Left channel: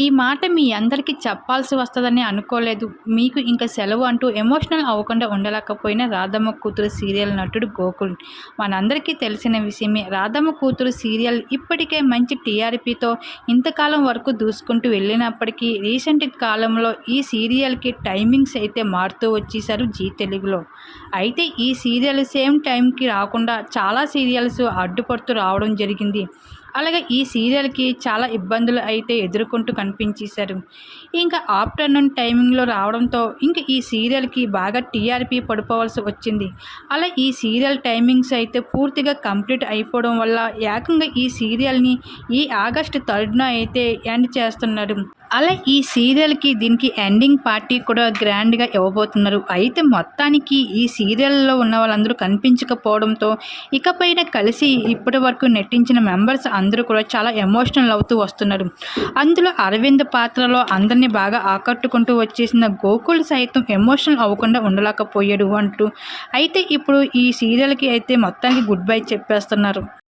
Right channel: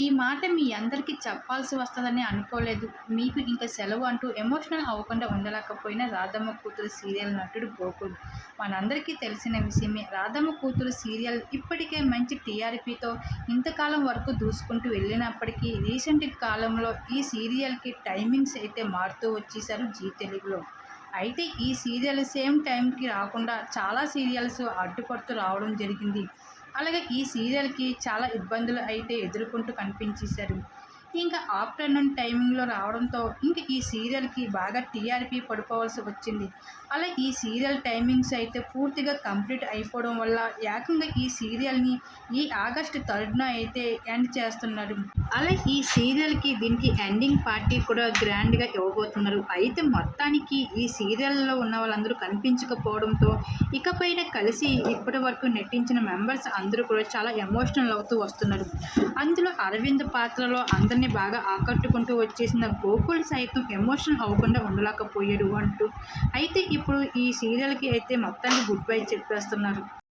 ఈ మాట మీ అందరికీ చెప్పాల్సి వస్తుందని అనుకోలేదు. మీకు ఇంకా సెలవు అంటూ ఎమోషనల్ అవ్వకుండా ఉండలేకపోయిన రాధమ్మ కూతురు సీరియల్ నటుడు గోకుల్. మనందరికీ తెలిసిన విషయమే రాధమ్మ కూతురు సీరియల్ ఇప్పటికే మంచి టీఆర్పీతో ఇంతకాలం వరకు దూసుకుంటూ వెళ్ళినప్పటికీ రీసెంట్ కాలంలో ఈ సీరియల్కి టైమింగ్స్ అయితే మారుతూ వచ్చేసారు జీ తెలుగులో. అయితే ఈ సీరియల్ సేమ్ టైంకి రాకుండా చాలా సీరియల్స్ అడ్డుపడుతూ రావడం జరిగింది. అలాగే ఈ సీరియల్కి చాలా ఇబ్బందులు అయితే ఎదుర్కొంటూ కనిపించేశారు. ఇంకా ఆఫ్టర్నూన్ టైమింగ్లో రావడంతో ఇంకా ఈ సీరియల్కి బాగా టీఆర్పీ పడిపోవాల్సి వచ్చింది. అలా ఈ సీరియల్ టైమింగ్స్ అయితే పూర్తిగా కంప్లీట్ అయిపోవడం వల్ల ఏకంగా ఈ సీరియల్ని ఈ ఆగస్టు థర్డ్న అయితే ఎండ్ చేస్తున్నారు. అలా ఈ సీరియల్కి దీనికి ఎండింగ్ పార్టీ కూడా గ్రాండ్గా ఇవ్వబోతున్నారు. అయితే మొత్తానికి ఈ సీరియల్లో ఉన్న వాళ్ళందరూ కనిపించకపోవడంతో ఇకపైన కలిసి ఇప్పటి వరకు నటించిన మెంబర్స్ అందరూ కూడా చాలా ఎమోషనల్ అవుతూ వస్తున్నారు. అందులో అరవింద్ పాత్రలో అందరినీ బాగా ఆకట్టుకుంటూ వచ్చేసిన గోకుల్ సైతం ఎమోషనల్ అవ్వకుండా ఉండలేకపోయాడు అంటూ. అయితే ఇప్పుడు ఈ సీరియల్కి అయితే మొత్తానికి గుడ్ బై చెప్పేస్తున్నారు.